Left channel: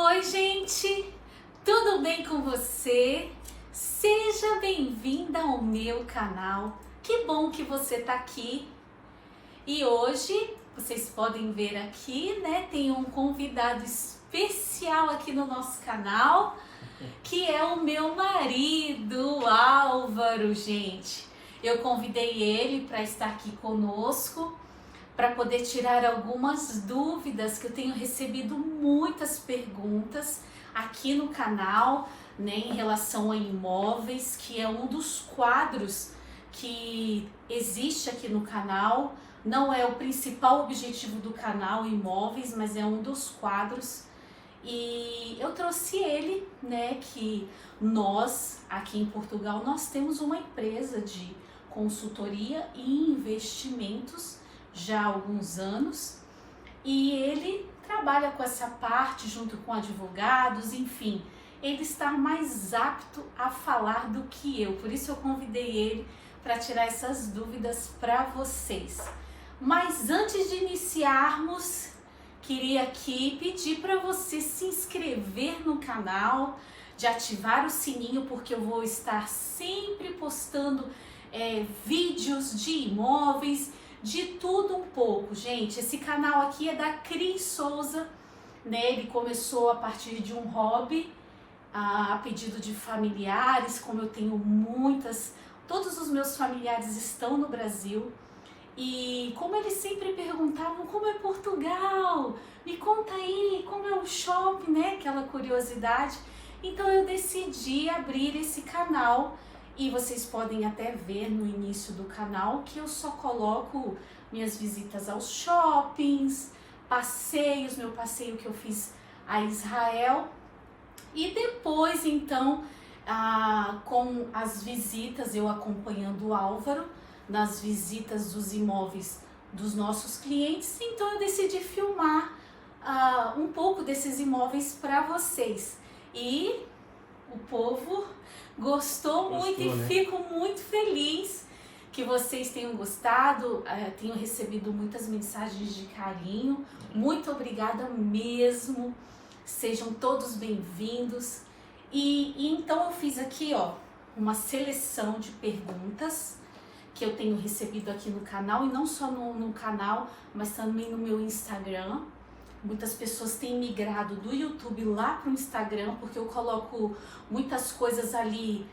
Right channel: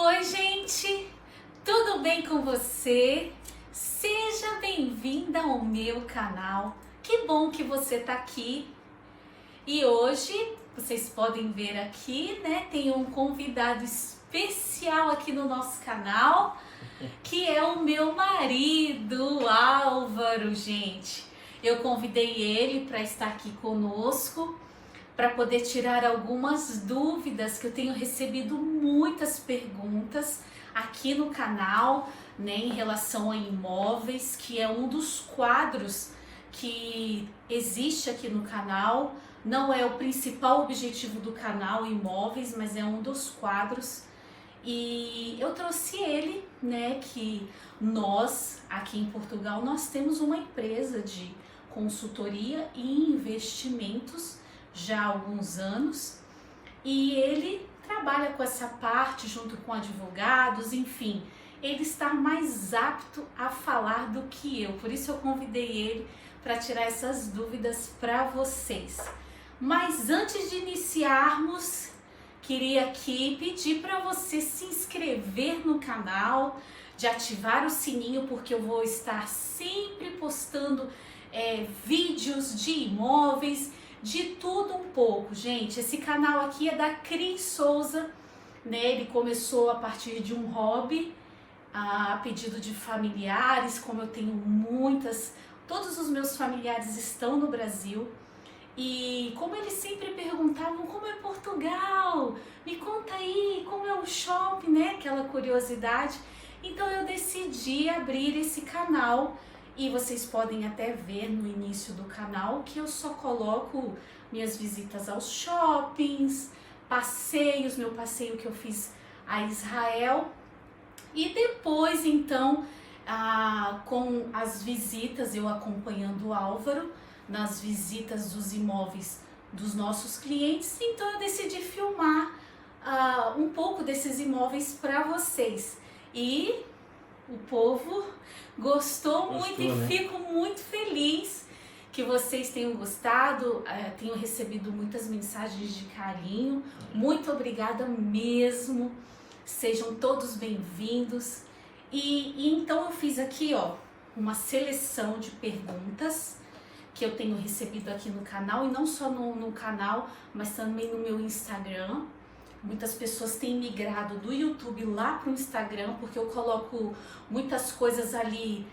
Oi, gente! Tudo bem com você? Seja bem-vinda ao meu canal. Que bom que você está aqui. E hoje, vocês podem ver aqui, né? Tem um convidado especial aqui no nosso canal, que é o meu marido, Álvaro, gente. Eu convidei ele para estar aqui conosco, para poder tirar algumas dúvidas, que eu tenho recebido muitas perguntas aqui no canal, né, em relação a imóveis, que é um dos quadros que existe aqui no canal. Não é o principal objetivo do canal imóveis, mas é um dos quadros. E eu trouxe ele, né, que nós aqui em Portugal, nós temos uma empresa de consultoria e investimentos já há alguns anos, e ele trabalha com essa parte junto com advogados, enfim, ele está mais apto a falar do que eu, por isso eu convidei ele para tirar essas dúvidas para vocês. Mas antes de iniciarmos, queria aqui pedir para você se inscrever no canal, de ativar o sininho, porque eu vou estar sempre postando vídeos de imóveis, de tudo um pouco, gente. Esse canal aqui é da Cris Souza, né? Ele começou a partir de um hobby, a pedido de familiares, como eu tenho todos os meus familiares estão no Brasil, e como eles sempre perguntavam como é Portugal, me conta aí como é o shopping, né? Aquela curiosidade. Então eu decidi abrir esse canal. E vocês podem até ver no início do canal que eu só coloco minhas visitas aos shoppings, passeios, meu passeio que eu fiz a Israel. E depois, então, com as visitas, eu acompanhando o Álvaro nas visitas dos imóveis dos nossos clientes. Então eu decidi filmar um pouco desses imóveis para vocês. E o povo gostou muito, né? E fico muito feliz que vocês tenham gostado. Tenho recebido muitas mensagens de carinho. Muito obrigada mesmo. Sejam todos bem-vindos. E então eu fiz aqui, ó, uma seleção de perguntas que eu tenho recebido aqui no canal, e não só no canal, mas também no meu Instagram. Muitas pessoas têm migrado do YouTube lá para o Instagram, porque eu coloco muitas coisas ali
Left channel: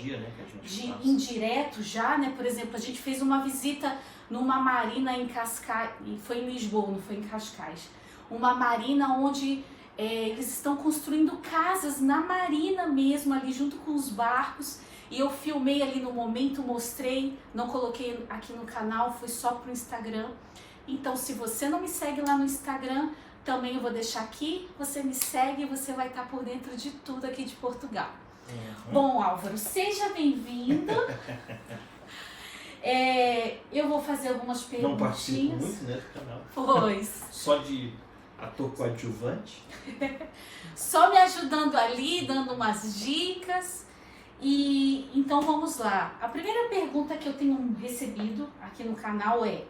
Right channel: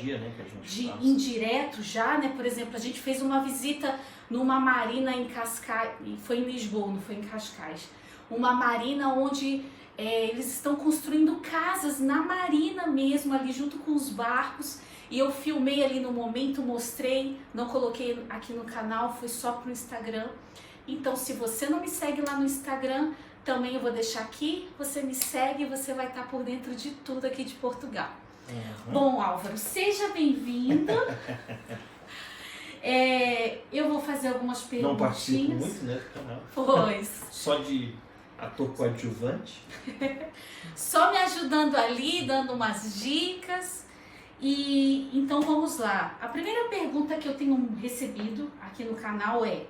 dia, né, que a gente faz. Indireto já, né? Por exemplo, a gente fez uma visita numa marina em Cascais, foi em Lisboa, não foi em Cascais. Uma marina onde eles estão construindo casas na marina mesmo, ali junto com os barcos. E eu filmei ali no momento, mostrei, não coloquei aqui no canal, foi só pro Instagram. Então, se você não me segue lá no Instagram, também eu vou deixar aqui, você me segue e você vai estar por dentro de tudo aqui de Portugal. Uhum. Bom, Álvaro, seja bem-vindo. Eu vou fazer algumas perguntinhas. Não participo muito, né, do canal. Pois. Só de ator coadjuvante. Só me ajudando ali, dando umas dicas. E então vamos lá. A primeira pergunta que eu tenho recebido aqui no canal é:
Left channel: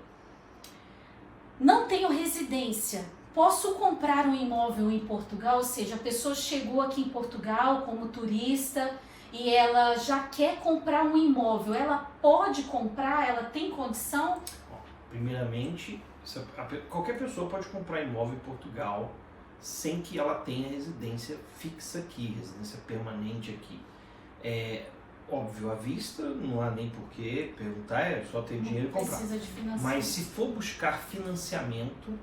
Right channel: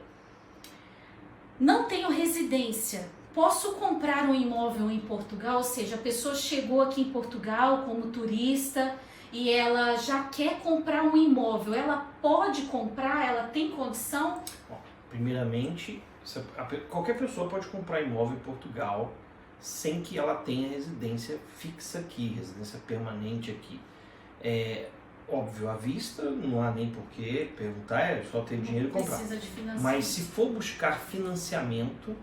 não tenho residência, posso comprar um imóvel em Portugal? Ou seja, a pessoa chegou aqui em Portugal como turista e ela já quer comprar um imóvel. Ela pode comprar? Ela tem condição? Bom, primeiramente, qualquer pessoa pode comprar imóvel em Portugal sem que ela tenha residência fixa aqui, residência permanente aqui. Óbvio, à vista, não há nem por que perguntar, é só ter dinheiro e comprar. Precisa de financiamento. Mas se for buscar financiamento,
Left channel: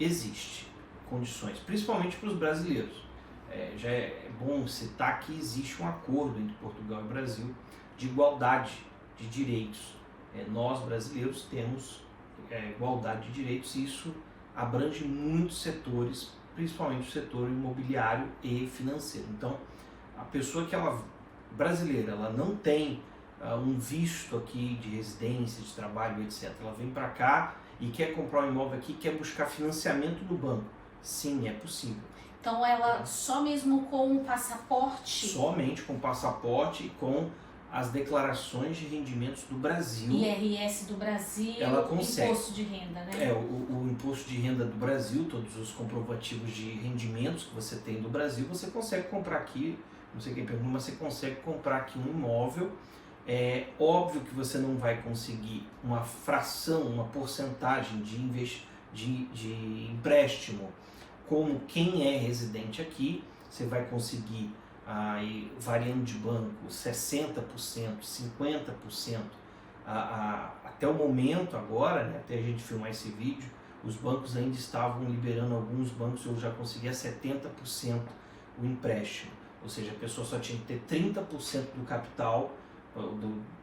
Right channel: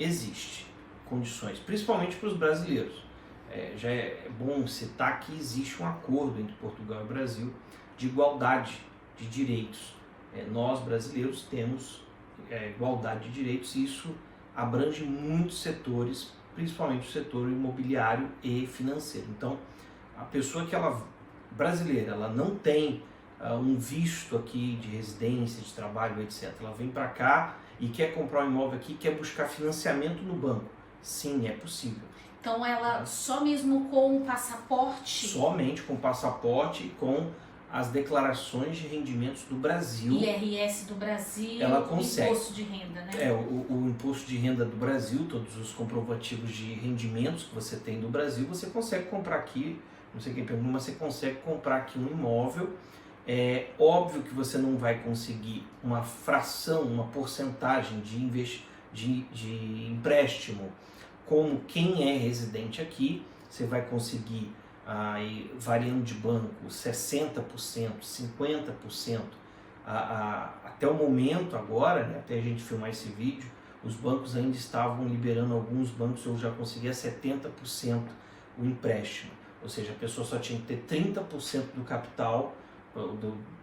existe condições, principalmente para os brasileiros. Já é bom citar que existe um acordo entre Portugal e Brasil de igualdade de direitos. Nós, brasileiros, temos igualdade de direitos, e isso abrange muitos setores, principalmente o setor imobiliário e financeiro. Então, a pessoa brasileira, ela não tem um visto aqui de residência, de trabalho, etc. Ela vem para cá e quer comprar um imóvel aqui, quer buscar financiamento no banco. Sim, é possível. Então ela só mesmo com o passaporte? Somente com o passaporte e com as declarações de rendimentos do Brasil. IRS do Brasil, ela consegue. Imposto de renda, né? O imposto de renda do Brasil, todos os comprovativos de rendimentos que você tem do Brasil, você consegue comprar aqui, não sei quem pergunta, mas você consegue comprar aqui um imóvel. É óbvio que você não vai conseguir uma fração, uma porcentagem de empréstimo como quem é residente aqui. Você vai conseguir, aí, variando de banco, 60%, 50%. Até o momento agora, né, até a gente filmar esse vídeo, os bancos ainda estavam liberando, alguns bancos eu já conseguia 70% o empréstimo. Ou seja, a pessoa só tinha que ter 30% do capital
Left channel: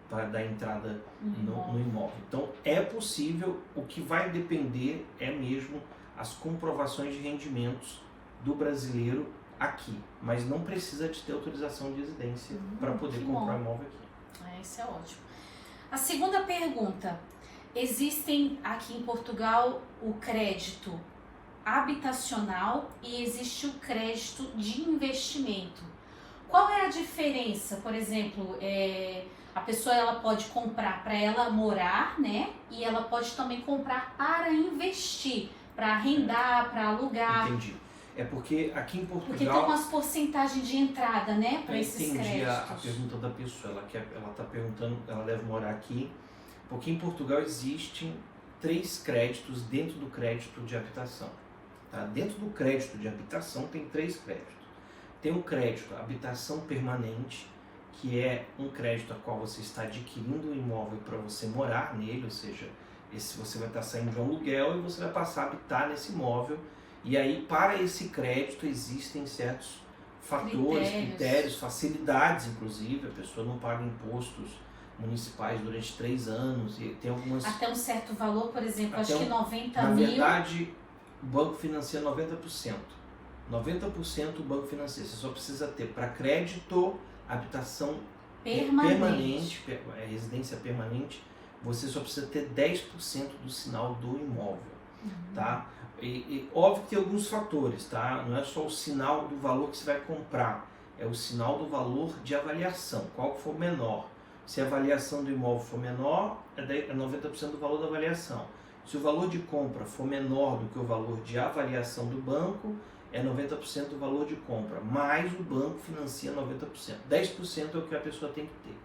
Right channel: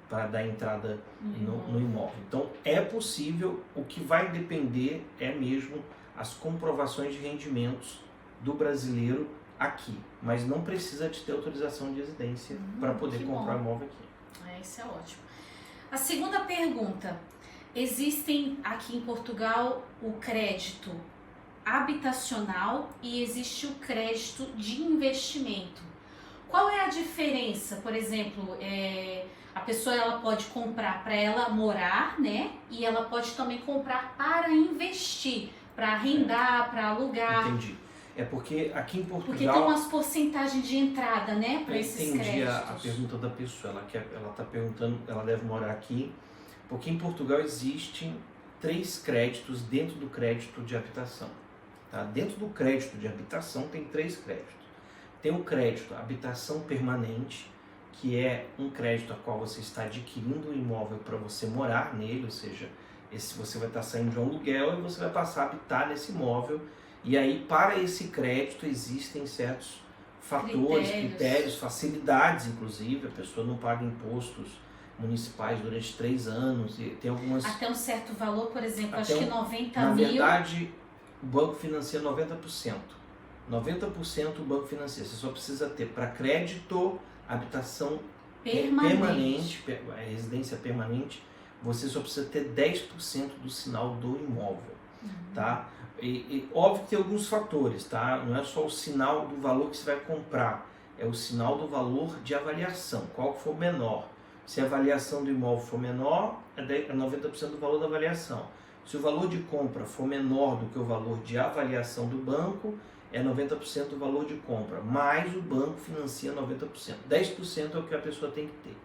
para dar entrada no imóvel. Então é possível, o que vai depender é mesmo as comprovações de rendimentos do brasileiro aqui, mas não precisa de ter autorização de residência para poder comprar imóvel aqui. Isso é ótimo. A segunda pergunta: existem aqui em Portugal o crédito habitacional e existe o crédito de investimento. Qual é a diferença? Por exemplo, a pessoa ela pode comprar para ela morar, né? E ela pode também comprar para investir, para arrendar, para alugar. Entendi. É porque aqui em Portugal... Porque tem umas porcentagens de entrada, né? Para esses créditos. Entendi a pergunta da pessoa. Ela está perguntando, ela deve morar aqui. Porque em Portugal existem 3 créditos dentro do crédito de habitação. Tá? Dentro do crédito de habitação tem 3 créditos. Tem o crédito habitação permanente, que é um crédito a qual você está adquirindo um imóvel para você morar nele, ou seja, você vai estar saindo de um aluguel e você vai passar a habitar nesse imóvel. E aí, para esse crédito, existem certos fatores, critérios, facilidades, inclusive. A pessoa não paga impostos municipais durante 3 anos. E tem algumas... Até um certo valor, por exemplo, acho que 90 mil... Na verdade, o banco financia 90%. 90% o banco financia. Você só precisa ter para crédito, habitação permanente, residência permanente, você só precisa ter 10% do sinal do imóvel, tá? E óbvio que tem alguns fatores, tá? Não é só o sinal do valor que você vai comprar, é o sinal do valor de avaliação, qual for menor. Se a avaliação do imóvel for menor, é 90% do valor da avaliação. Se o valor de compra for menor do que o valor de avaliação do banco, é 90% do valor de compra, mas o banco financia 90%. 10% é o que a pessoa tem que ter.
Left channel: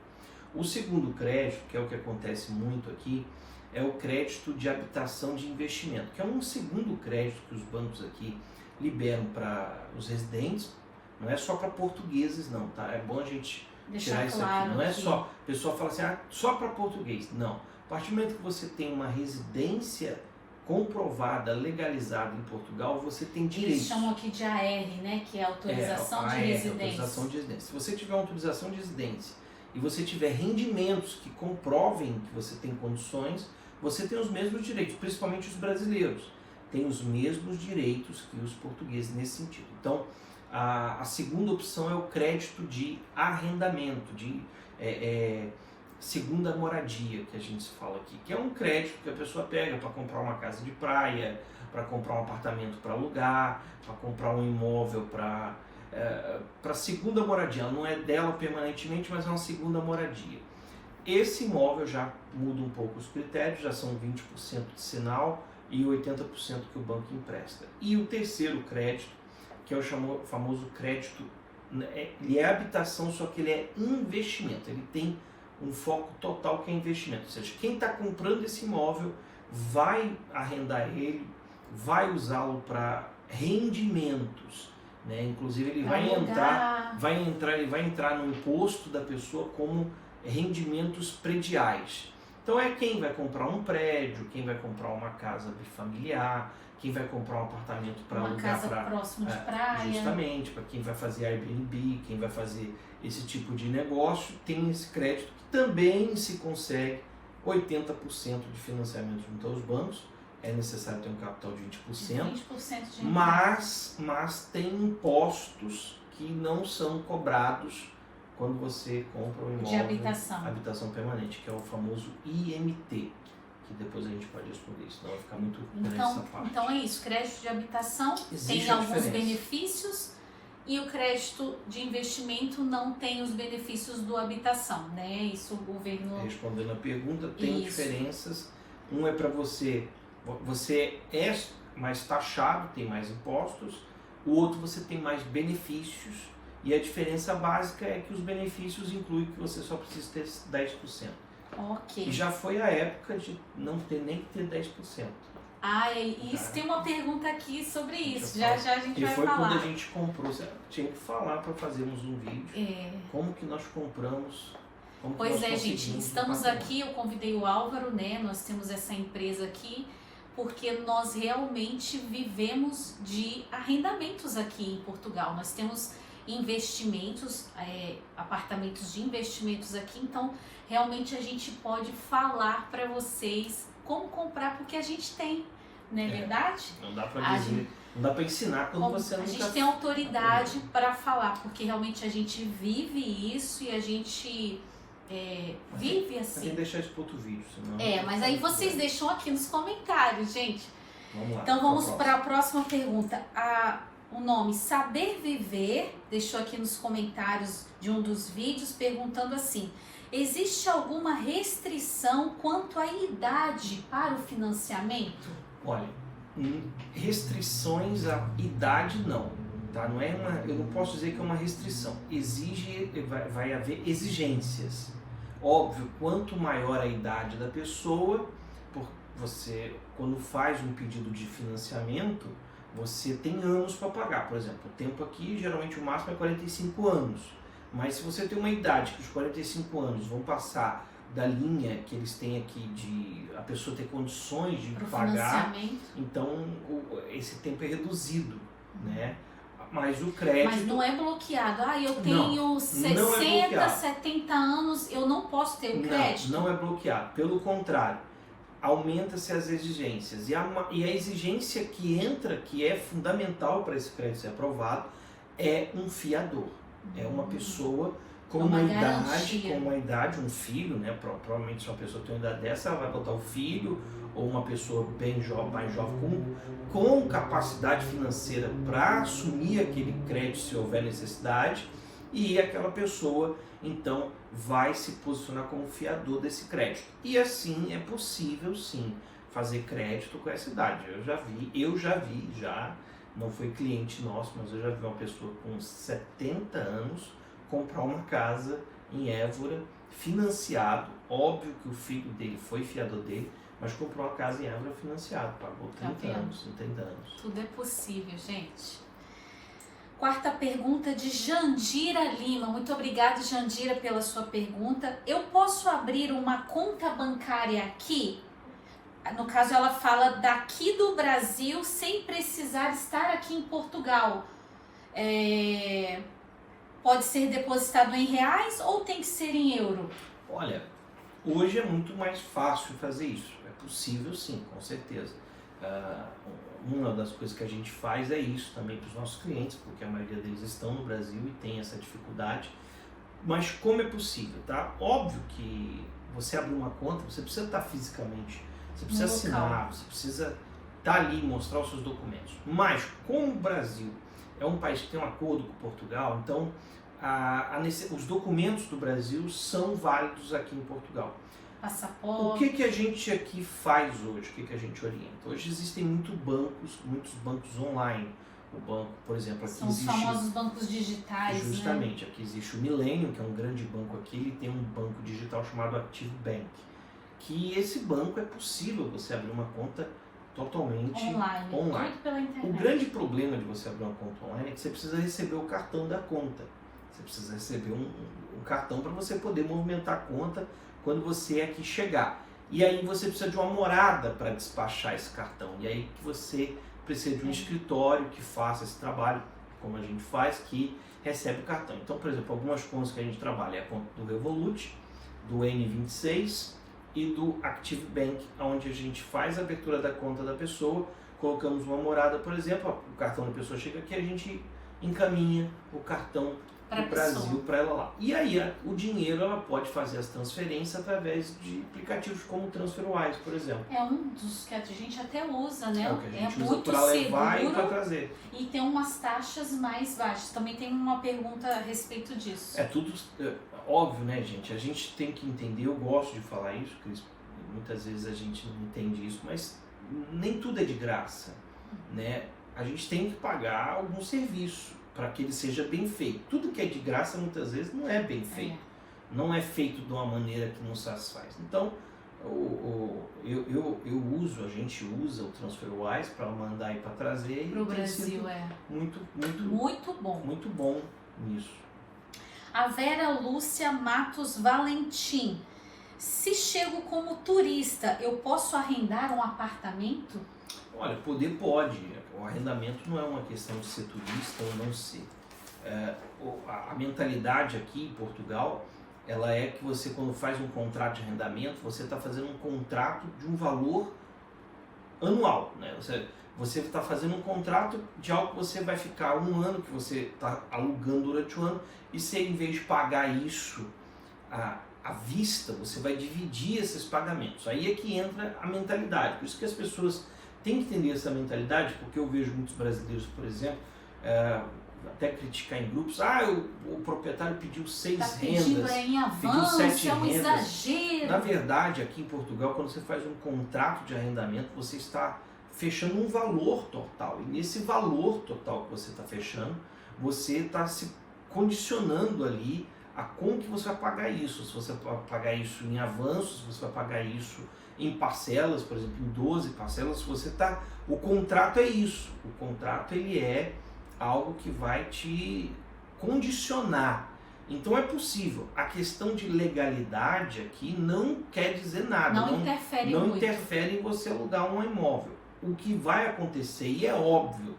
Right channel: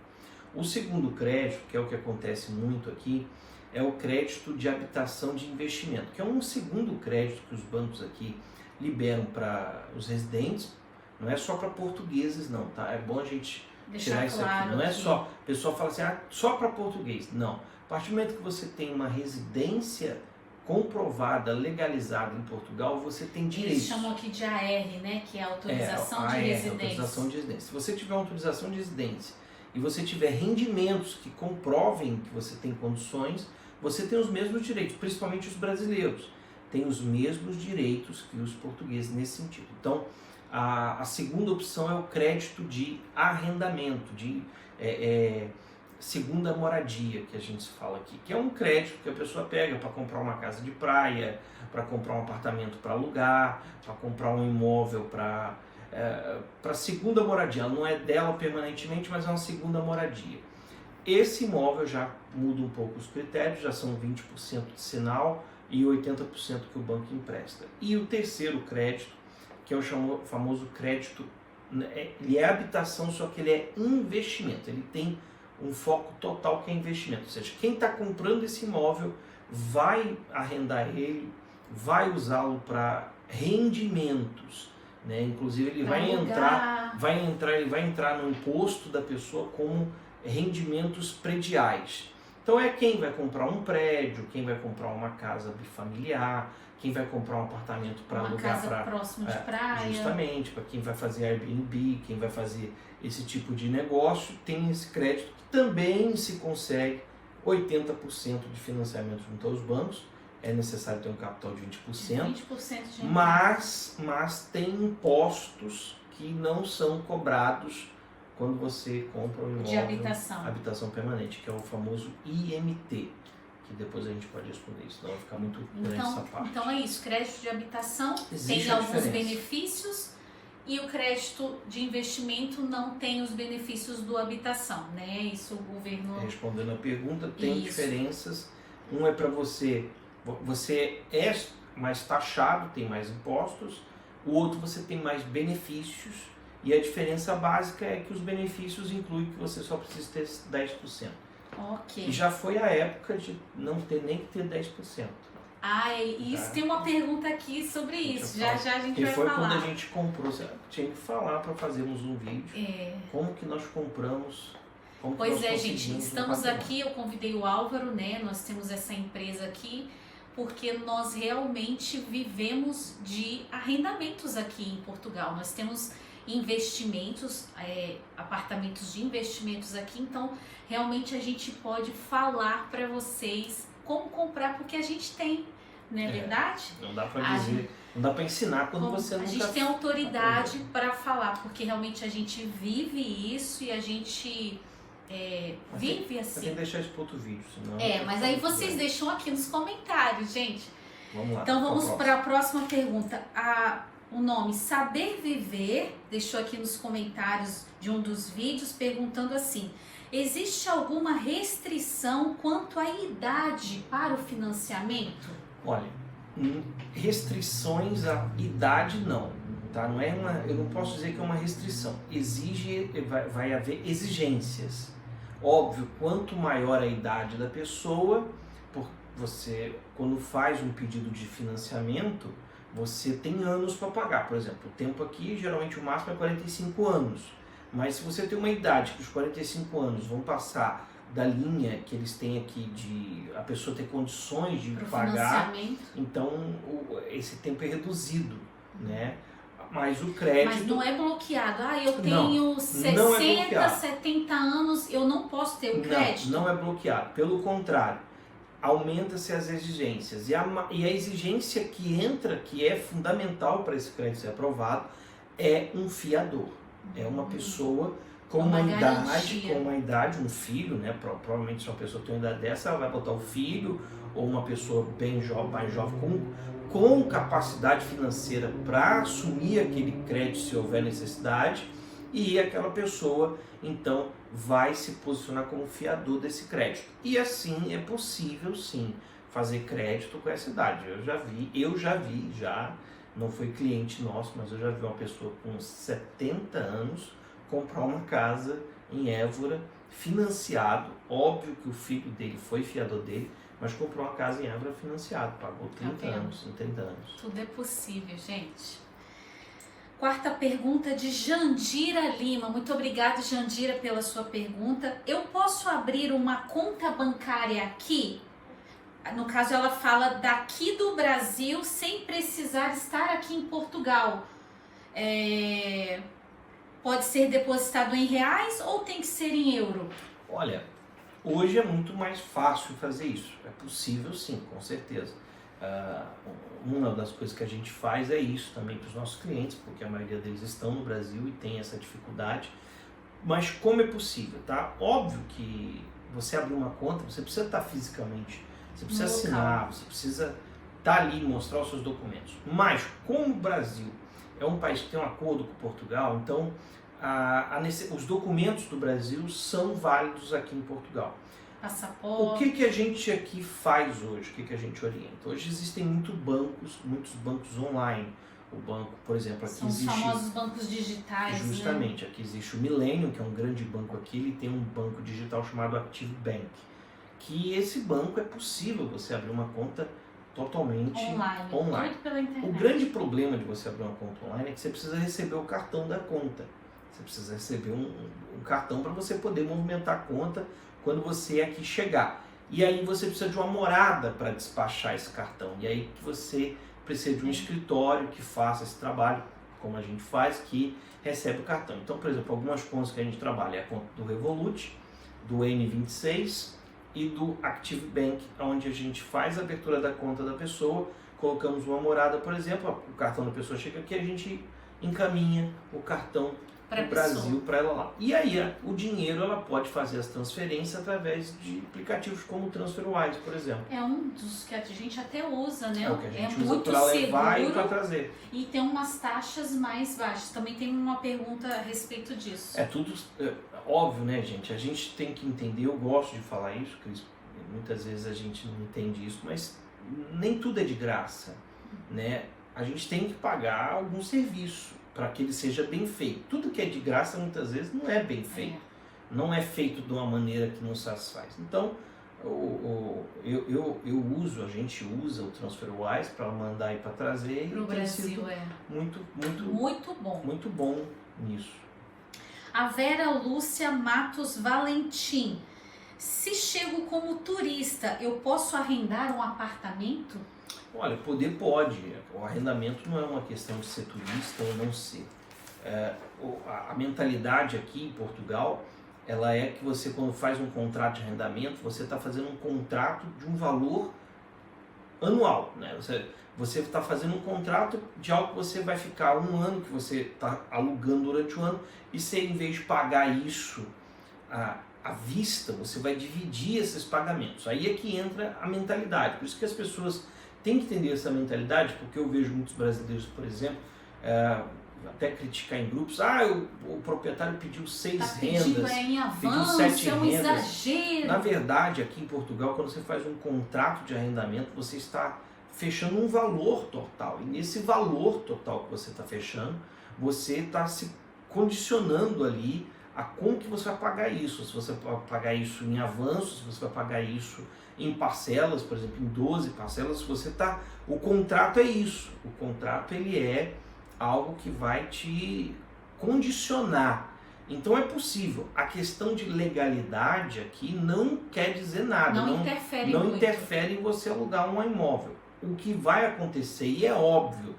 O segundo crédito, que é o que acontece muito aqui, é o crédito de habitação de investimento, que é um segundo crédito que os bancos aqui liberam para os residentes. Não é só para portugueses não, tá? É bom a gente tirar isso aqui. Não é só, a pessoa fala assim, só para português. Não. A partir do momento que você tem uma residência comprovada, legalizada em Portugal, você tem direito. Eles chamam aqui de AR, né? Que é autorização de residência. Autorização de residência. Se você tiver uma autorização de residência e você tiver rendimentos que comprovem que você tem condições, você tem os mesmos direitos, principalmente os brasileiros. Tem os mesmos direitos que os portugueses nesse sentido. Então, a segunda opção é o crédito de arrendamento, de segunda moradia, que a gente fala aqui, que é um crédito que a pessoa pega para comprar uma casa de praia, para comprar um apartamento para alugar, para comprar um imóvel para segunda moradia. Ela não é dela permanentemente, mas é uma segunda moradia. Esse imóvel já muda um pouco os critérios, já são 20% de sinal e 80% que o banco empresta. E o terceiro crédito, que é o famoso crédito, ele é habitação, só que ele é investimento, ele tem um foco total que é investimento, ou seja, quem está comprando esse imóvel vai arrendar ele, vai usá-lo para rendimentos, né? Inclusive ele vai entrar no imposto da pessoa como rendimentos prediais. Então é quem vai comprar um prédio, quem vai comprar uma casa bifamiliar, quem vai comprar um apartamento para alugar, casa próximo de praia, justamente para quem vai fazer Airbnb, quem vai fazer esse tipo de negócio, tem esse crédito que também se consegue 80% de financiamento junto aos bancos. É necessário ter um capital de 20%, 20% de mas tem impostos que não são cobrados quando você compra um imóvel de habitação permanente, que é o famoso IMT, que depois a gente pode responder, senão vai ficar muito grande essa parte. Então é isso, crédito de habitação existe tem alguns benefícios e o crédito de investimento não tem os benefícios do habitação, né? Isso o governo... Respondendo a pergunta, tem Isso. diferenças. Um é para você é mais taxado, tem mais impostos. O outro você tem mais benefícios. E a diferença básica é que os benefícios incluem que você só precisa ter 10%. Ok. E já foi a época de não ter nem que ter 10%. Ah, isso tem uma pergunta aqui sobre isso. Já a gente e vai foi falar. quando a gente comprou. Tinha que falar para fazermos um vídeo. Como que nós compramos. Pois é, gente. Estamos aqui, eu convidei o Álvaro, né? Nós temos essa empresa aqui porque nós realmente vivemos de arrendamentos aqui em Portugal. Nós temos investimentos, apartamentos de investimentos aqui, então realmente a gente pode falar para vocês como comprar, porque a gente tem, não é verdade? Não dá para dizer, não dá para ensinar quando você não. A gente tem autoridade para falar, porque realmente a gente vive isso e a gente vive assim. Tem que deixar isso para outro vídeo, senão. Mas aí vocês deixam aqui nos comentários, gente. Vamos lá. Então vamos para a próxima pergunta. O nome Saber Viver deixou aqui nos comentários de um dos vídeos perguntando assim: existe alguma restrição quanto à idade para o financiamento? Olha, restrições à idade não, tá? Não é eu não posso dizer que é uma restrição. Vai haver exigências. Óbvio, quanto maior a idade da pessoa, você quando faz um pedido de financiamento, você tem anos para pagar. Por exemplo, o tempo aqui, geralmente o máximo é 45 anos. Mas se você tem uma idade que os 45 anos vão passar da linha que eles têm aqui de a pessoa ter condições de pagar, então esse tempo é reduzido, né? Mas o crédito... Mas não é bloqueado. Eu tenho 60, 70 anos, eu não posso ter o crédito? Não é bloqueado. Pelo contrário, aumenta-se as exigências. E a exigência que entra, que é fundamental para esse crédito ser aprovado, é um fiador. É uma pessoa com uma idade, um filho, né? Provavelmente se uma pessoa tem uma idade dessa, ela vai botar o filho, ou uma pessoa bem jovem, mais jovem, com capacidade financeira para assumir aquele crédito se houver necessidade, e aquela pessoa então vai se posicionar como fiador desse crédito. E assim é possível sim fazer crédito com essa idade. Eu já vi, não foi cliente nosso, mas eu já vi uma pessoa com 70 anos comprar uma casa em Évora, financiado. Óbvio que o filho dele foi fiador dele, mas comprou uma casa em Évora financiado, pagou 30 anos. Tudo é possível, gente. Quarta pergunta de Jandira Lima. Muito obrigada, Jandira, pela sua pergunta. Eu posso abrir uma conta bancária aqui? No caso, ela fala daqui do Brasil, sem precisar estar aqui em Portugal. Pode ser depositado em reais ou tem que ser em euro? Olha, hoje é muito mais fácil fazer isso. É possível sim, com certeza. Uma das coisas que a gente faz é isso também para os nossos clientes, porque a maioria deles estão no Brasil e tem essa dificuldade. Mas como é possível, tá? Óbvio que você abrir uma conta, você precisa estar fisicamente, você precisa assinar, você precisa estar ali e mostrar os seus documentos. Mas como o Brasil é um país que tem um acordo com Portugal, então os documentos do Brasil são válidos aqui em Portugal. Passaporte. O que a gente aqui faz hoje? O que a gente orienta? Hoje existem muitos bancos online. O banco, por exemplo, aqui são existe... São os famosos bancos digitais, justamente, aqui existe o Millennium, que é um grande banco aqui, ele tem um banco digital chamado Active Bank. Que esse banco é possível você abrir uma conta totalmente online. Tudo pela internet. O grande problema de você abrir uma conta online é que você precisa receber o cartão da conta. Você precisa receber um cartão para você poder movimentar a conta quando você aqui chegar. E aí você precisa de uma morada para despachar esse cartão. E aí você precisa de um escritório que faça esse trabalho, como a gente faz, que recebe o cartão. Então, por exemplo, algumas contas que a gente trabalha é a conta do Revolut, do N26 e do Active Bank, onde a gente faz a abertura da conta da pessoa, colocamos uma morada, por exemplo, o cartão da pessoa chega aqui, a gente encaminha o cartão Pra do pessoa. Brasil para ela lá. E aí o dinheiro ela pode fazer as transferências através de aplicativos como o TransferWise, por exemplo. É um dos que a gente até usa, né? É o que a gente usa muito para levar e para seguro trazer. e tem umas taxas mais baixas. Também tem uma pergunta a respeito disso. É tudo óbvio, né, gente? A gente tem que entender, eu gosto de falar isso, Cris, muitas vezes a gente não entende isso, mas nem tudo é de graça, né? A gente tem que pagar algum serviço para que ele seja bem feito. Tudo que é de graça muitas vezes não é bem feito. Não é feito de uma maneira que nos satisfaz. Então, a gente usa o TransferWise para mandar e para trazer. Para o Brasil, muito bom nisso. A Vera Lúcia Matos Valentim. Se chego como turista, eu posso arrendar um apartamento? Olha, poder pode. O arrendamento não é uma questão de ser turista ou não ser. A mentalidade aqui em Portugal, ela é que você, quando faz um contrato de arrendamento, você está fazendo um contrato de um valor anual, né? Você está fazendo um contrato de algo que você vai ficar um ano, que você está alugando durante o ano, e você, em vez de pagar isso à vista, você vai dividir esses pagamentos. Aí é que entra a mentalidade. Por isso que as pessoas têm que entender essa mentalidade, porque eu vejo muitos brasileiros, por exemplo, até criticar em grupos, o proprietário pediu 6 rendas, em avanço, pediu 7 é um rendas. exagero. Na verdade, aqui em Portugal, quando você faz um contrato de arrendamento, você está fechando um valor total. E nesse valor total que você está fechando, você está se condicionando ali a como que você vai pagar isso. Se você vai pagar isso em avanço, se você vai pagar isso em parcelas, por exemplo, em 12 parcelas, o contrato é isso. O contrato ele é algo que vai te condicionar. Então é possível. A questão de legalidade aqui não quer dizer nada. Não interfere não muito. interfere em você alugar um imóvel. O que vai acontecer, e é óbvio,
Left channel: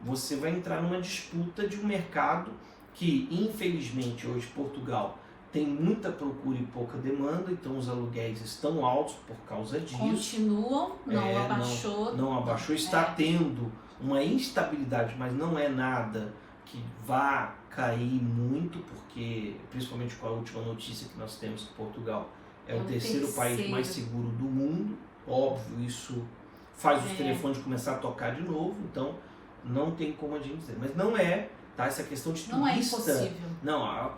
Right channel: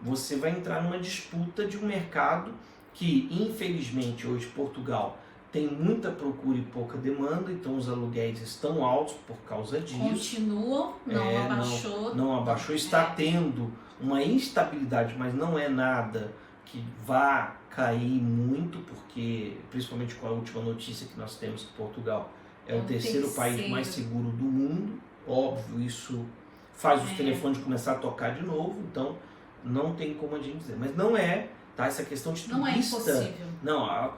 você vai entrar numa disputa de um mercado que, infelizmente, hoje Portugal tem muita procura e pouca demanda, então os aluguéis estão altos por causa disso. Continuam, não abaixou. Não abaixou, está tendo uma instabilidade, mas não é nada que vá cair muito, porque, principalmente com a última notícia que nós temos, que Portugal é o terceiro país mais seguro do mundo. Óbvio, isso faz os telefones começar a tocar de novo, então não tem como a gente dizer. Mas não é, tá? Essa questão de turista. Não é impossível. Não,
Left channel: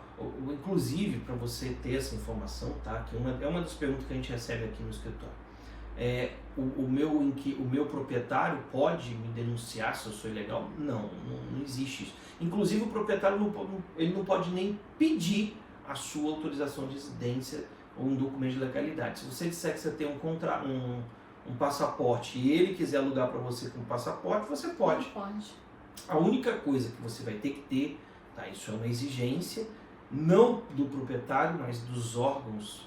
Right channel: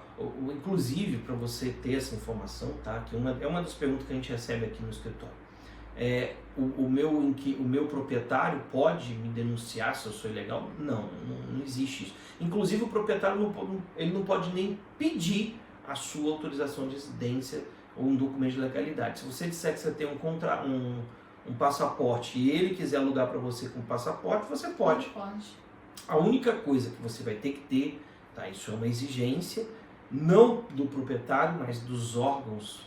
inclusive, para você ter essa informação, tá? Que é uma das perguntas que a gente recebe aqui no escritório. O meu proprietário pode me denunciar se eu sou ilegal? Não existe isso. Inclusive, o proprietário não pode nem pedir a sua autorização de residência ou um documento de legalidade. Se você disser que você tem um passaporte e ele quiser alugar para você com passaporte, você pode. A única coisa que você vai ter que ter, tá? Isso é uma exigência, não do proprietário, mas dos órgãos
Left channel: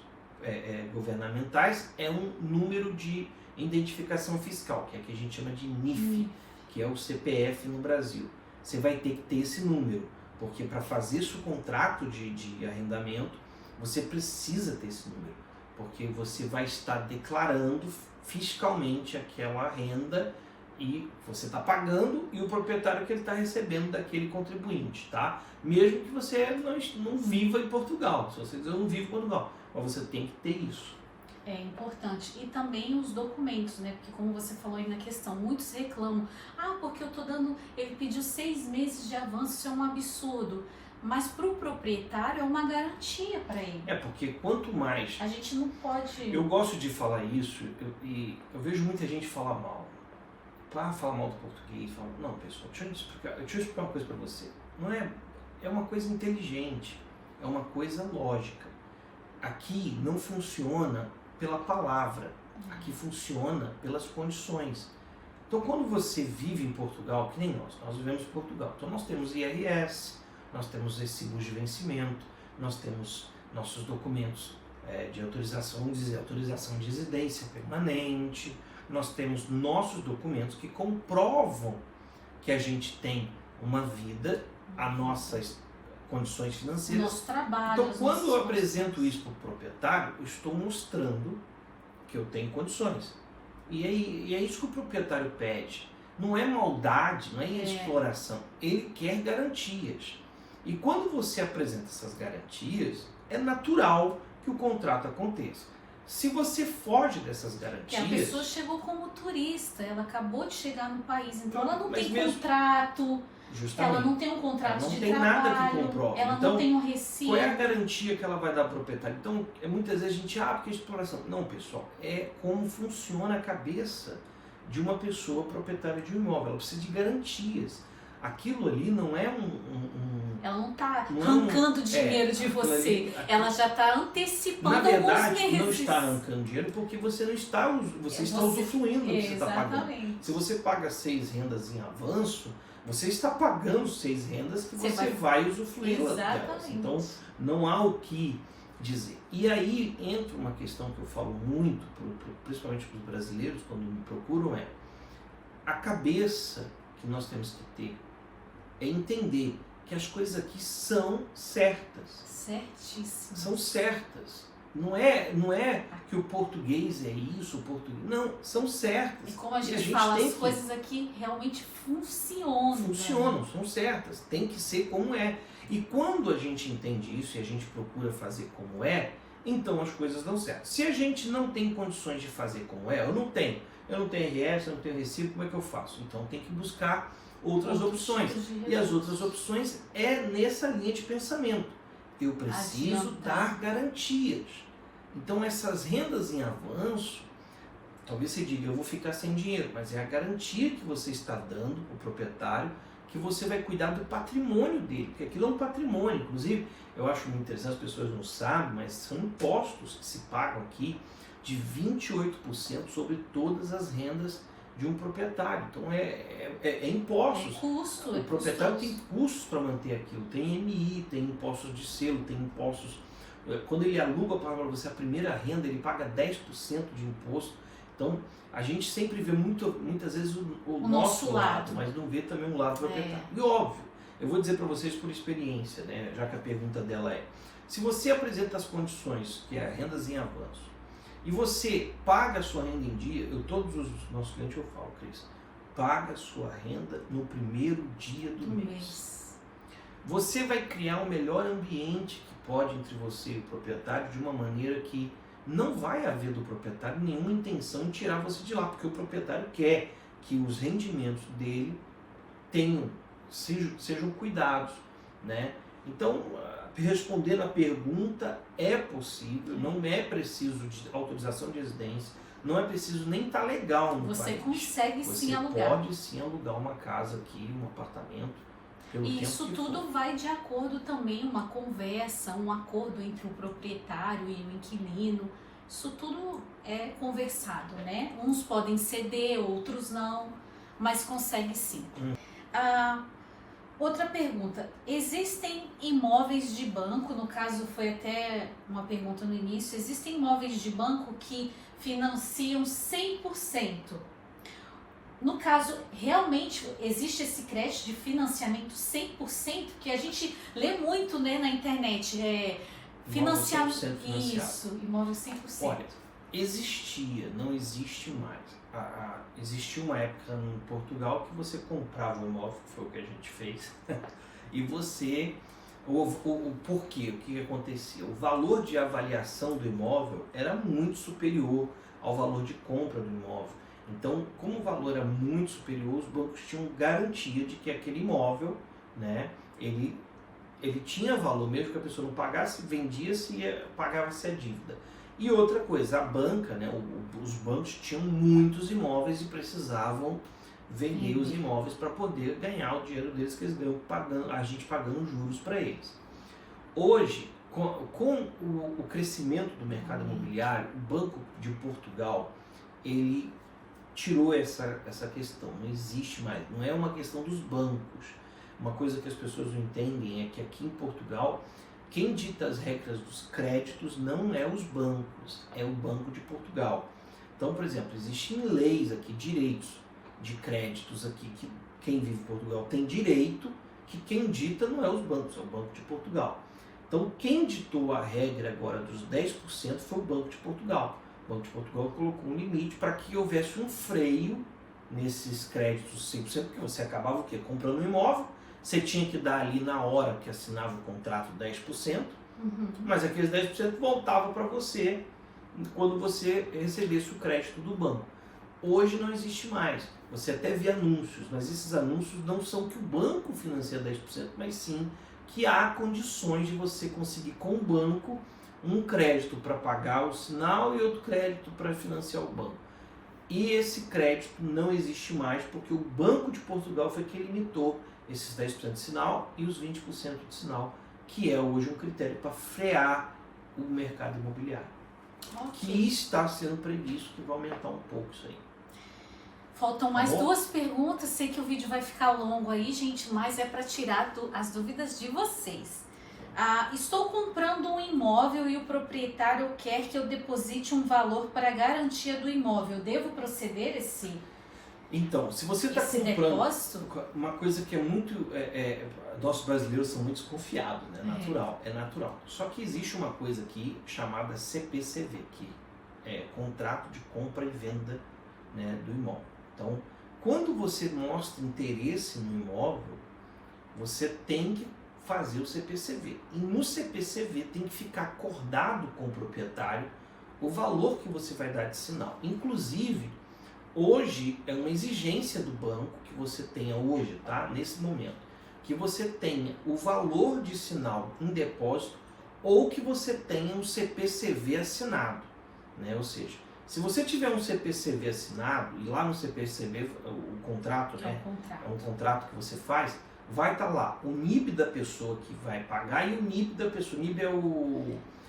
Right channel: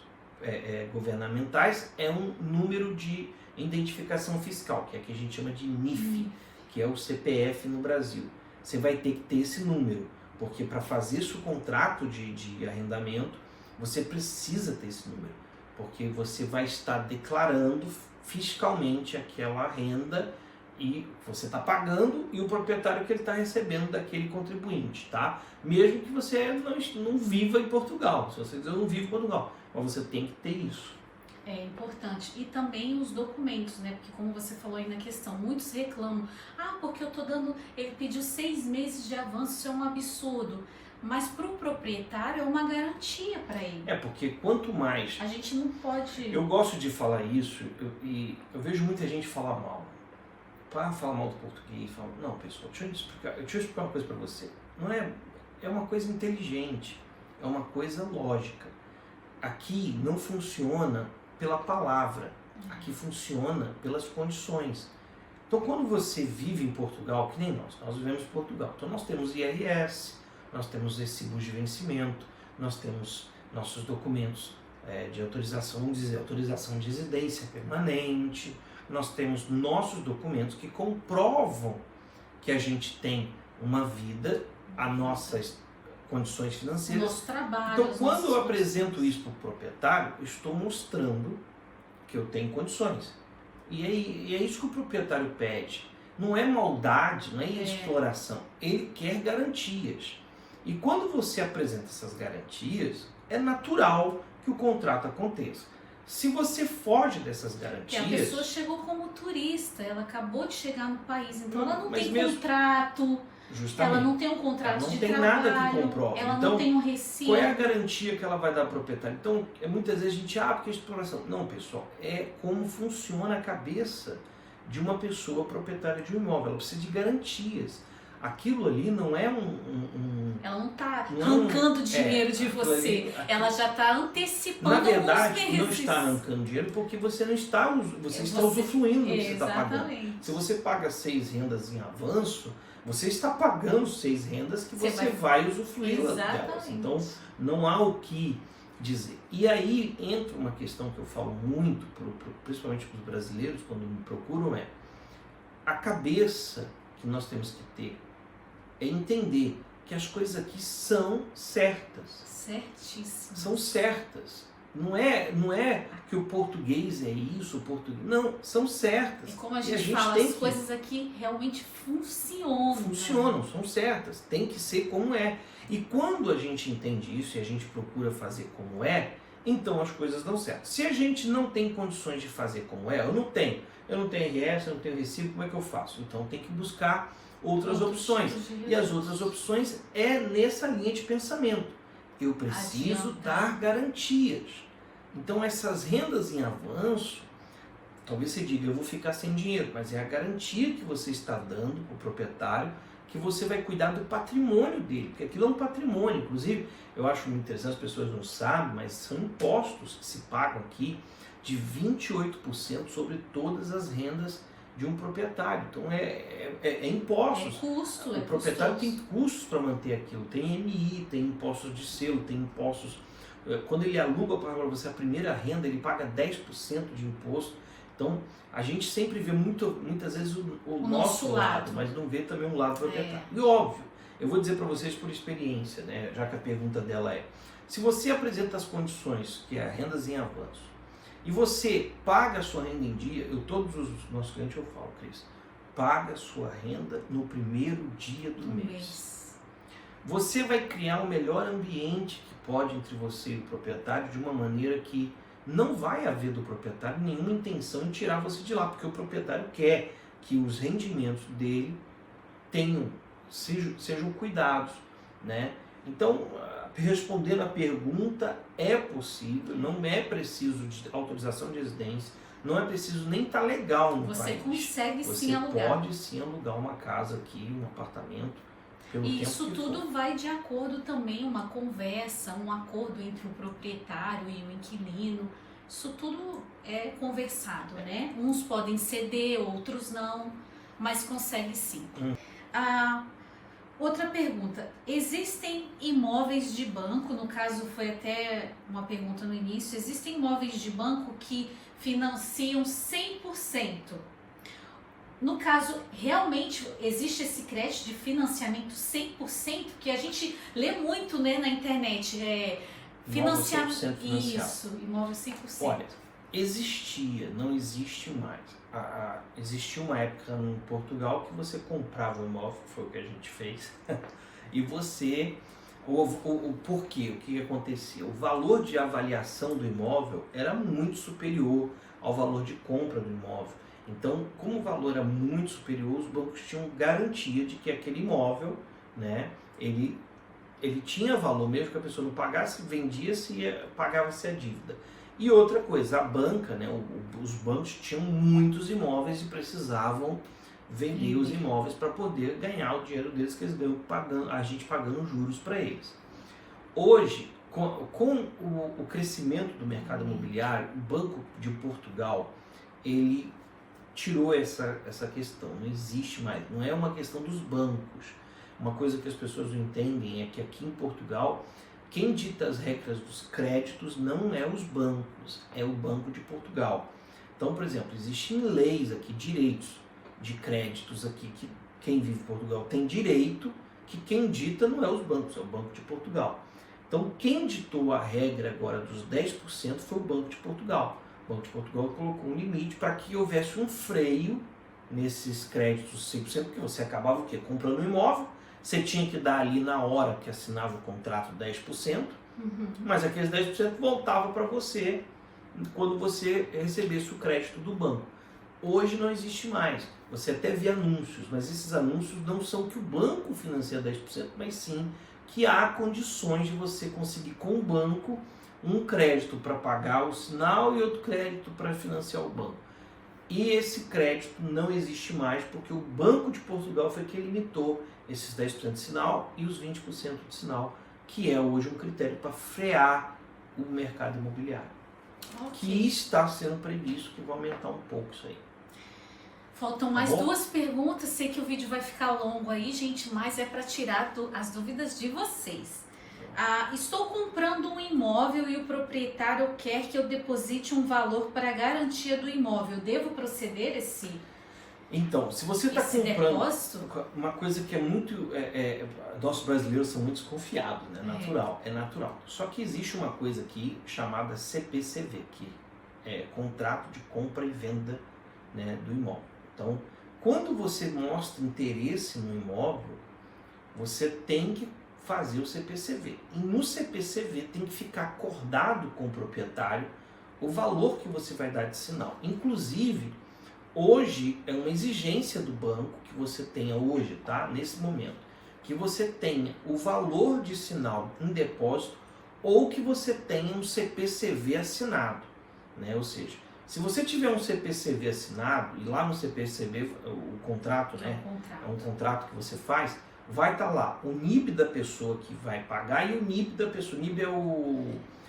governamentais, é um número de identificação fiscal, que é que a gente chama de NIF, que é o CPF no Brasil. Você vai ter que ter esse número, porque para fazer seu contrato de arrendamento, você precisa ter esse número, porque você vai estar declarando fiscalmente aquela renda e você está pagando e o proprietário que ele está recebendo daquele contribuinte, tá? Mesmo que você não viva em Portugal, se você dizer eu não vivo em Portugal, mas você tem que ter isso. É importante. E também os documentos, né? Porque como você falou aí na questão, muitos reclamam, porque eu tô dando, ele pediu 6 meses de avanço, isso é um absurdo. Mas para o proprietário é uma garantia para ele. Porque quanto mais... A gente não pode... Eu gosto de falar isso e eu vejo muita gente falar mal. Falar mal do português. Não, pessoal, deixa eu explicar uma coisa para você. Não é uma coisa inteligente, é uma coisa lógica. Aqui não funciona pela palavra, aqui funciona pelas condições. Então, quando você vive em Portugal, que nem nós vivemos em Portugal, então nós temos IRS, nós temos recibos de vencimento, nós temos nossos documentos de autorização, vamos dizer, autorização de residência permanente, nós temos nossos documentos que comprovam que a gente tem uma vida, as nossas condições financeiras. Nosso trabalho. Então, quando eu apresento isso para o proprietário, eu estou mostrando que eu tenho condições. E é isso que o proprietário pede. não é maldade, não é exploração. Ele quer garantias. E quando você apresenta essas garantias, é natural que o contrato aconteça. Se você foge dessas garantias... Porque a pessoa chegou como turista, ela acabou de chegar no país, então ela não tem mesmo, contrato, justamente, ela não tem um contrato de trabalho, não tem nada que comprove. ela então, não tem um recibo. Qual é a garantia que ela vai dar ao proprietário? Então, muitas vezes a gente, porque é exploração. Não, pessoal, é como funciona a cabeça de uma pessoa proprietária de um imóvel. Ela precisa de garantias. Aquilo ali não é ela não está arrancando dinheiro de você. Ela já está antecipando alguns meses. Não está arrancando dinheiro porque você não está, você está usufruindo do que você está pagando. Se você paga 6 rendas em avanço, você está pagando 6 rendas que você vai usufruir delas. Então, não há o que dizer. E aí entra uma questão que eu falo muito, principalmente para os brasileiros, quando me procuram, é a cabeça que nós temos que ter é entender que as coisas aqui são certas. Certíssimo. São certas. Não é que o português é isso, o português... Não, são certas. E como a gente fala, as coisas aqui realmente funcionam. Funcionam, são certas. Tem que ser como é. E quando a gente entende isso e a gente procura fazer como é, então as coisas dão certo. Se a gente não tem condições de fazer como é, eu não tenho RS, eu não tenho recibo, como é que eu faço? Então tem que buscar outras opções. E as outras opções é nessa linha de pensamento. Eu preciso dar garantias. Então essas rendas em avanço, talvez você diga, eu vou ficar sem dinheiro, mas é a garantia que você está dando ao proprietário que você vai cuidar do patrimônio dele, porque aquilo é um patrimônio. Inclusive, eu acho muito interessante, as pessoas não sabem, mas são impostos que se pagam aqui de 28% sobre todas as rendas de um proprietário. Então é impostos. É custo. O proprietário tem custos para manter aquilo. Tem IMI, tem impostos de selo, tem impostos. Quando ele aluga para você a primeira renda, ele paga 10% de imposto. Então a gente sempre vê muitas vezes o nosso lado, mas não vê também um lado do proprietário. E óbvio, eu vou dizer para vocês por experiência, né, já que a pergunta dela é: se você apresenta as condições, que é rendas em avanço, e você paga a sua renda em dia, todos os nossos clientes eu falo, Cris, paga a sua renda no primeiro dia do mês. Você vai criar um melhor ambiente que pode entre você e o proprietário de uma maneira que não vai haver do proprietário nenhuma intenção de tirar você de lá, porque o proprietário quer que os rendimentos dele sejam cuidados, né? Então, respondendo a pergunta, é possível, não é preciso de autorização de residência, não é preciso nem estar legal no país. Você consegue sim alugar. Você pode sim alugar uma casa aqui, um apartamento. E isso tudo vai de acordo também, uma conversa, um acordo entre o proprietário e o inquilino. Isso tudo é conversado, né? Uns podem ceder, outros não, mas consegue sim. Outra pergunta: existem imóveis de banco, no caso foi até uma pergunta no início, existem imóveis de banco que financiam 100%. No caso, realmente existe esse crédito de financiamento 100%, que a gente lê muito, né, na internet, financiamento, isso, imóvel 100%. Olha, existia, não existe mais. Existia uma época em Portugal que você comprava um imóvel, que foi o que a gente fez, e você, por quê? O que acontecia? O valor de avaliação do imóvel era muito superior ao valor de compra do imóvel. Então, como o valor era muito superior, os bancos tinham garantia de que aquele imóvel, né, ele tinha valor, mesmo que a pessoa não pagasse, vendia-se e pagava-se a dívida. E outra coisa, a banca, né, os bancos tinham muitos imóveis e precisavam vender os imóveis para poder ganhar o dinheiro deles, que eles ganham a gente pagando juros para eles. Hoje, com o crescimento do mercado imobiliário, o Banco de Portugal, ele tirou essa questão, não existe mais, não é uma questão dos bancos. Uma coisa que as pessoas não entendem é que aqui em Portugal, quem dita as regras dos créditos não é os bancos, é o Banco de Portugal. Então, por exemplo, existem leis aqui, direitos de créditos aqui, que quem vive em Portugal tem direito, que quem dita não é os bancos, é o Banco de Portugal. Então, quem ditou a regra agora dos 10% foi o Banco de Portugal. O Banco de Portugal colocou um limite para que houvesse um freio nesses créditos 100%, porque você acabava o quê? Comprando um imóvel, você tinha que dar ali na hora que assinava o contrato 10%, mas aqueles 10% voltava para você quando você recebesse o crédito do banco. Hoje não existe mais. Você até vê anúncios, mas esses anúncios não são que o banco financia 10%, mas sim que há condições de você conseguir com o banco um crédito para pagar o sinal e outro crédito para financiar o banco. E esse crédito não existe mais porque o Banco de Portugal foi quem limitou esses 10% de sinal e os 20% de sinal, que é hoje um critério para frear o mercado imobiliário. Que está sendo previsto que vai aumentar um pouco isso aí. Faltam mais duas perguntas, sei que o vídeo vai ficar longo aí, gente, mas é para tirar as dúvidas de vocês. Estou comprando um imóvel e o proprietário quer que eu deposite um valor para a garantia do imóvel. Devo proceder Então, se você está comprando depósito? Uma coisa que é muito... nossos brasileiros são muito desconfiados, né? É natural. Só que existe uma coisa aqui chamada CPCV, que é Contrato de Compra e Venda, né, do imóvel. Então, quando você mostra interesse no imóvel, você tem que fazer o CPCV. E no CPCV tem que ficar acordado com o proprietário o valor que você vai dar de sinal. Inclusive, hoje é uma exigência do banco que você tenha hoje, tá? Nesse momento, que você tenha o valor de sinal em depósito ou que você tenha um CPCV assinado, né? Ou seja, se você tiver um CPCV assinado, e lá no CPCV, o contrato, né? É um contrato que você faz, vai estar lá o NIB da pessoa que vai pagar e o NIB da pessoa. O NIB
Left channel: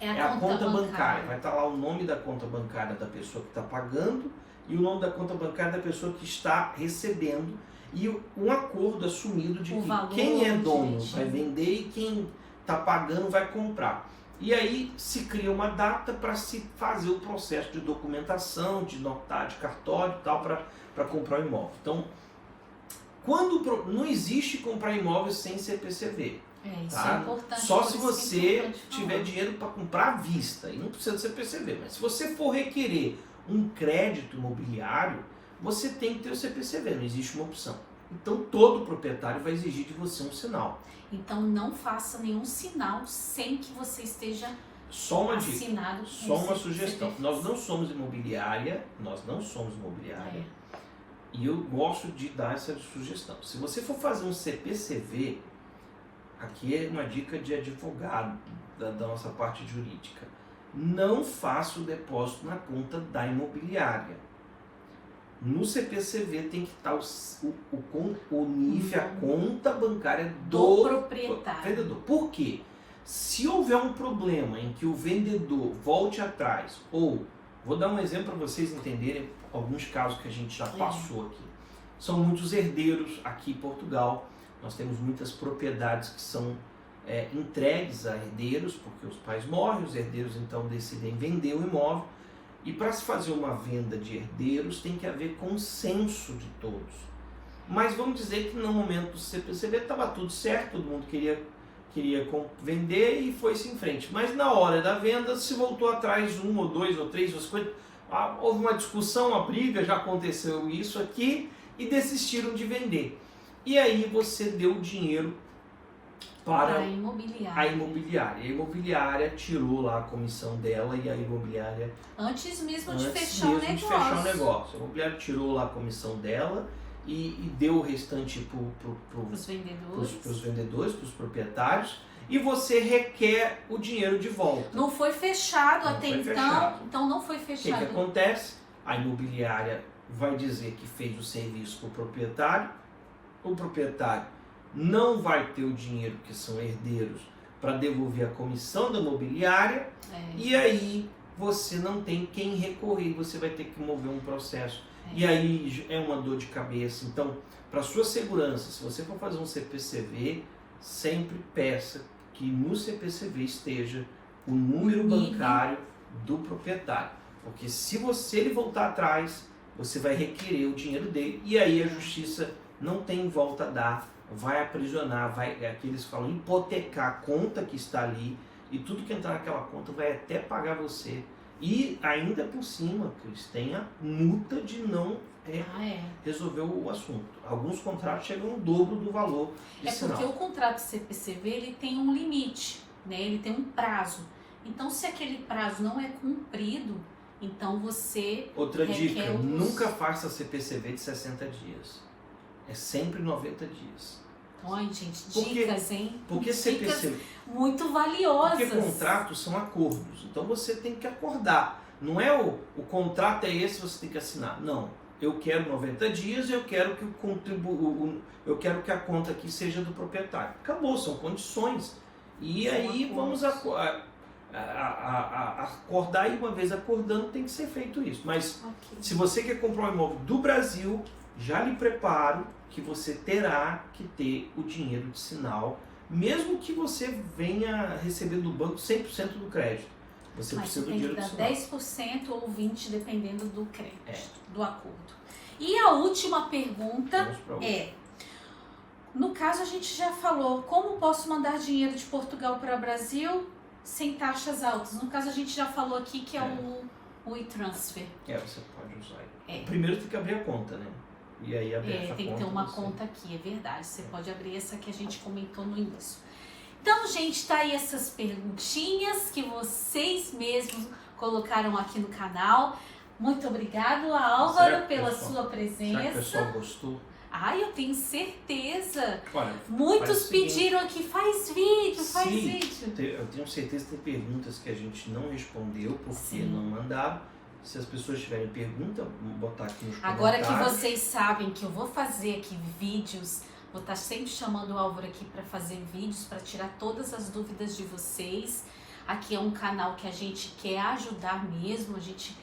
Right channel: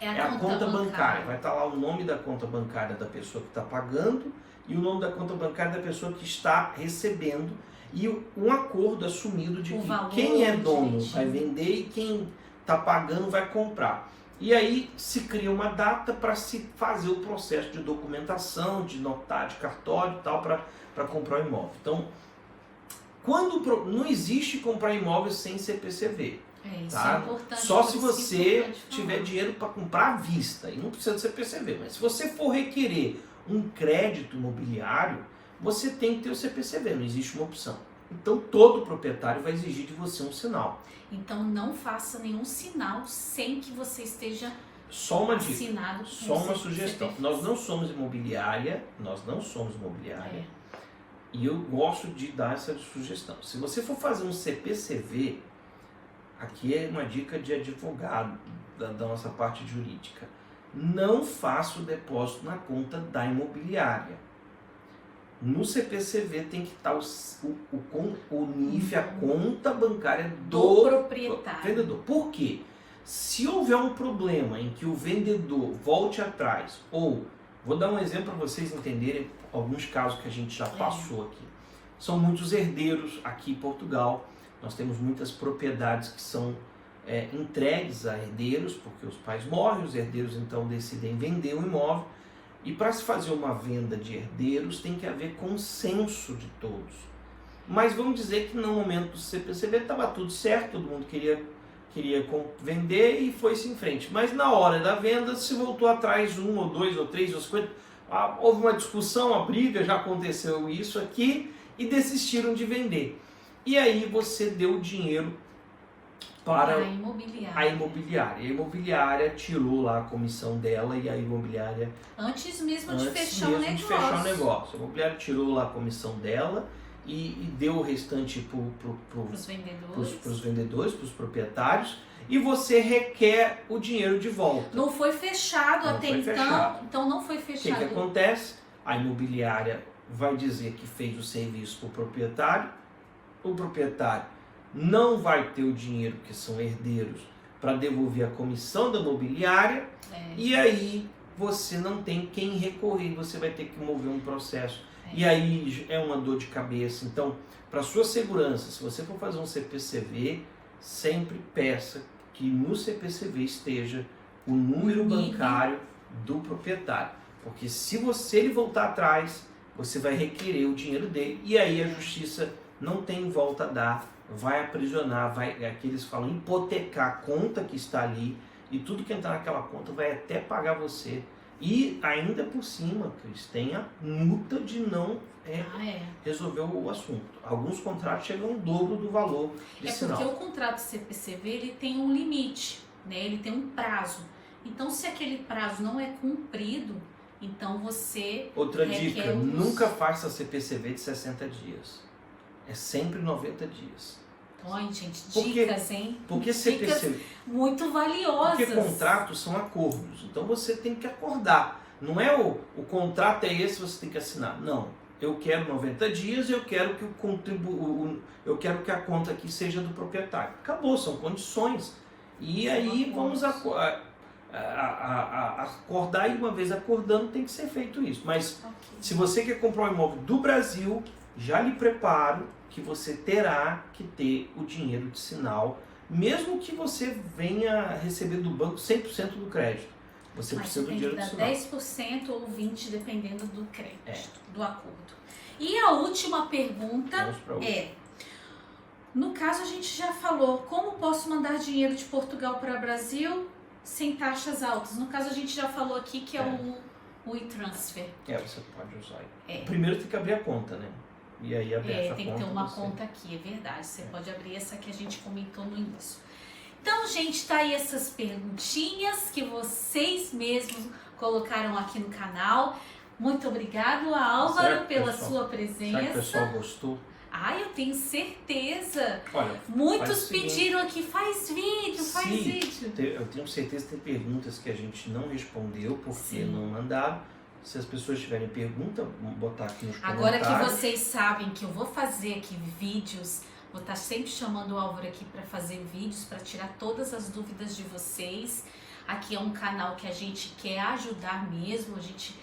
é a conta bancária. Vai estar lá o nome da conta bancária da pessoa que está pagando e o nome da conta bancária da pessoa que está recebendo e um acordo assumido de que quem é dono vai vender e quem está pagando vai comprar. E aí se cria uma data para se fazer o processo de documentação, de notário, de cartório e tal, para comprar o imóvel. Então, não existe comprar imóvel sem CPCV. Isso tá? é importante. Só se você tiver dinheiro para comprar à vista, e não precisa de CPCV. Mas se você for requerer um crédito imobiliário, você tem que ter o CPCV, não existe uma opção. Então todo proprietário vai exigir de você um sinal. Então não faça nenhum sinal sem que você esteja só uma assinado. Dica, só uma sugestão. Nós não somos imobiliária, e eu gosto de dar essa sugestão. Se você for fazer um CPCV, aqui é uma dica de advogado da nossa parte jurídica. Não faça o depósito na conta da imobiliária. No CPCV tem que estar o NIF, a conta bancária do proprietário. Vendedor. Por quê? Se houver um problema em que o vendedor volte atrás, ou, vou dar um exemplo para vocês entenderem alguns casos que a gente já passou aqui. São muitos herdeiros aqui em Portugal. Nós temos muitas propriedades que são entregues a herdeiros, porque os pais morrem, os herdeiros então decidem vender o imóvel. E para se fazer uma venda de herdeiros tem que haver consenso de todos. Mas vamos dizer que no momento do CPCV estava tudo certo, todo mundo queria vender e foi-se em frente. Mas na hora da venda se voltou atrás um, ou dois, ou três, ou 50. Houve uma discussão, uma briga, já aconteceu isso aqui e desistiram de vender. E aí você deu o dinheiro para a imobiliária. A imobiliária tirou lá a comissão dela e a imobiliária... Antes mesmo de fechar o negócio. A imobiliária tirou lá a comissão dela e deu o restante para os vendedores, para os proprietários, e você requer o dinheiro de volta. Não foi fechado até então, então não foi fechado. O que acontece? A imobiliária vai dizer que fez o serviço para o proprietário não vai ter o dinheiro, que são herdeiros, para devolver a comissão da imobiliária, e aí você não tem quem recorrer, você vai ter que mover um processo. E aí é uma dor de cabeça. Então, para sua segurança, se você for fazer um CPCV, sempre peça que no CPCV esteja o número bancário do proprietário. Porque se ele voltar atrás, você vai requerer o dinheiro dele, e aí a justiça não tem volta a dar, vai aprisionar, aqui eles falam hipotecar a conta que está ali, e tudo que entrar naquela conta vai até pagar você. E ainda por cima, Cris, tem a multa de não resolveu o assunto. Alguns contratos chegam ao dobro do valor de sinal. Porque o contrato CPCV ele tem um limite, né? Ele tem um prazo. Então, se aquele prazo não é cumprido, então você Outra dica, nunca faça CPCV de 60 dias. É sempre 90 dias. Então, gente, dicas, hein? Porque CPCV... Dicas muito valiosas. Porque contratos são acordos. Então, você tem que acordar. Não é o contrato é esse, você tem que assinar. Não. Eu quero 90 dias, eu quero que eu quero que a conta aqui seja do proprietário. Acabou, são condições. E são aí acordos. Vamos acordar, e uma vez acordando tem que ser feito isso. Mas se você quer comprar um imóvel do Brasil, já lhe preparo que você terá que ter o dinheiro de sinal, mesmo que você venha receber do banco 100% do crédito. Você precisa do dinheiro de sinal. Mas tem que dar 10% ou 20%, dependendo do crédito, do acordo. E a última pergunta no caso a gente já falou, como posso mandar dinheiro de Portugal para o Brasil sem taxas altas? No caso a gente já falou aqui que é o e-transfer. Você pode usar. Primeiro tem que abrir a conta, né? E aí tem que ter uma conta aqui, é verdade. Você pode abrir essa que a gente comentou no início. Então, gente, tá aí essas perguntinhas que vocês mesmos colocaram aqui no canal. Muito obrigado, Álvaro, pela sua presença. Será que o pessoal gostou? Eu tenho certeza. Olha, muitos pediram aqui, faz vídeo, faz vídeo. Eu tenho certeza que tem perguntas que a gente não respondeu porque não mandaram. Se as pessoas tiverem pergunta, vamos botar aqui nos comentários. Agora que vocês sabem que eu vou fazer aqui vídeos, vou estar sempre chamando o Álvaro aqui para fazer vídeos, para tirar todas as dúvidas de vocês. Aqui é um canal que a gente quer ajudar mesmo, a gente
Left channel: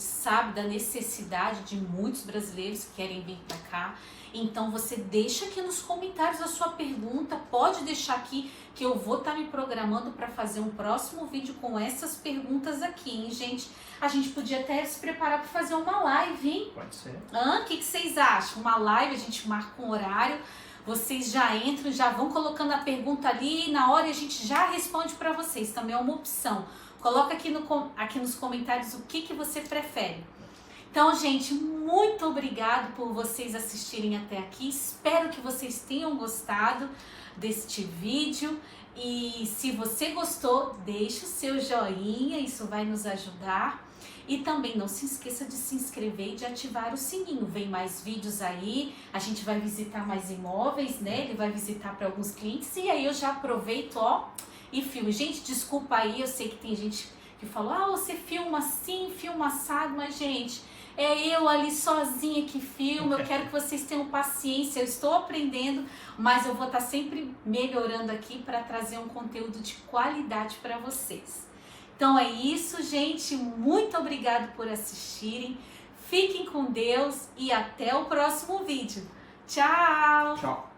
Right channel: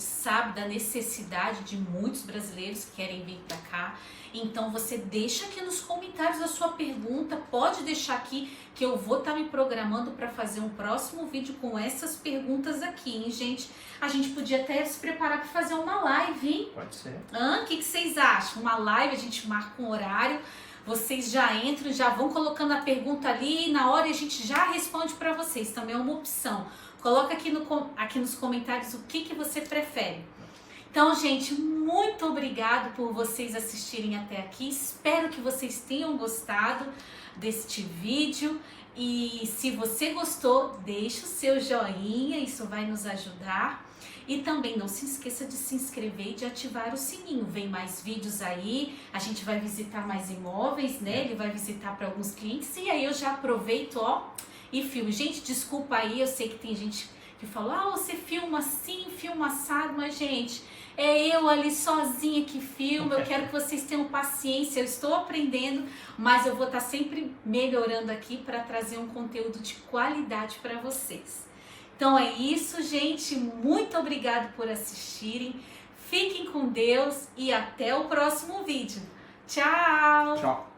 sabe da necessidade de muitos brasileiros que querem vir para cá. Então você deixa aqui nos comentários a sua pergunta, pode deixar aqui que eu vou estar me programando para fazer um próximo vídeo com essas perguntas aqui, hein, gente? A gente podia até se preparar para fazer uma live, hein? Pode ser. O que vocês acham? Uma live, a gente marca um horário, vocês já entram, já vão colocando a pergunta ali e na hora a gente já responde para vocês, também é uma opção. Coloca aqui nos comentários o que você prefere. Então, gente, muito obrigado por vocês assistirem até aqui. Espero que vocês tenham gostado deste vídeo. E se você gostou, deixa o seu joinha, isso vai nos ajudar. E também não se esqueça de se inscrever e de ativar o sininho. Vem mais vídeos aí, a gente vai visitar mais imóveis, né? Ele vai visitar para alguns clientes. E aí eu já aproveito, e filme. Gente, desculpa aí, eu sei que tem gente que falou, você filma assim, filma assado, mas gente, é eu ali sozinha que filmo, eu quero que vocês tenham paciência, eu estou aprendendo, mas eu vou estar sempre melhorando aqui para trazer um conteúdo de qualidade para vocês. Então é isso, gente, muito obrigado por assistirem, fiquem com Deus e até o próximo vídeo. Tchau! Tchau!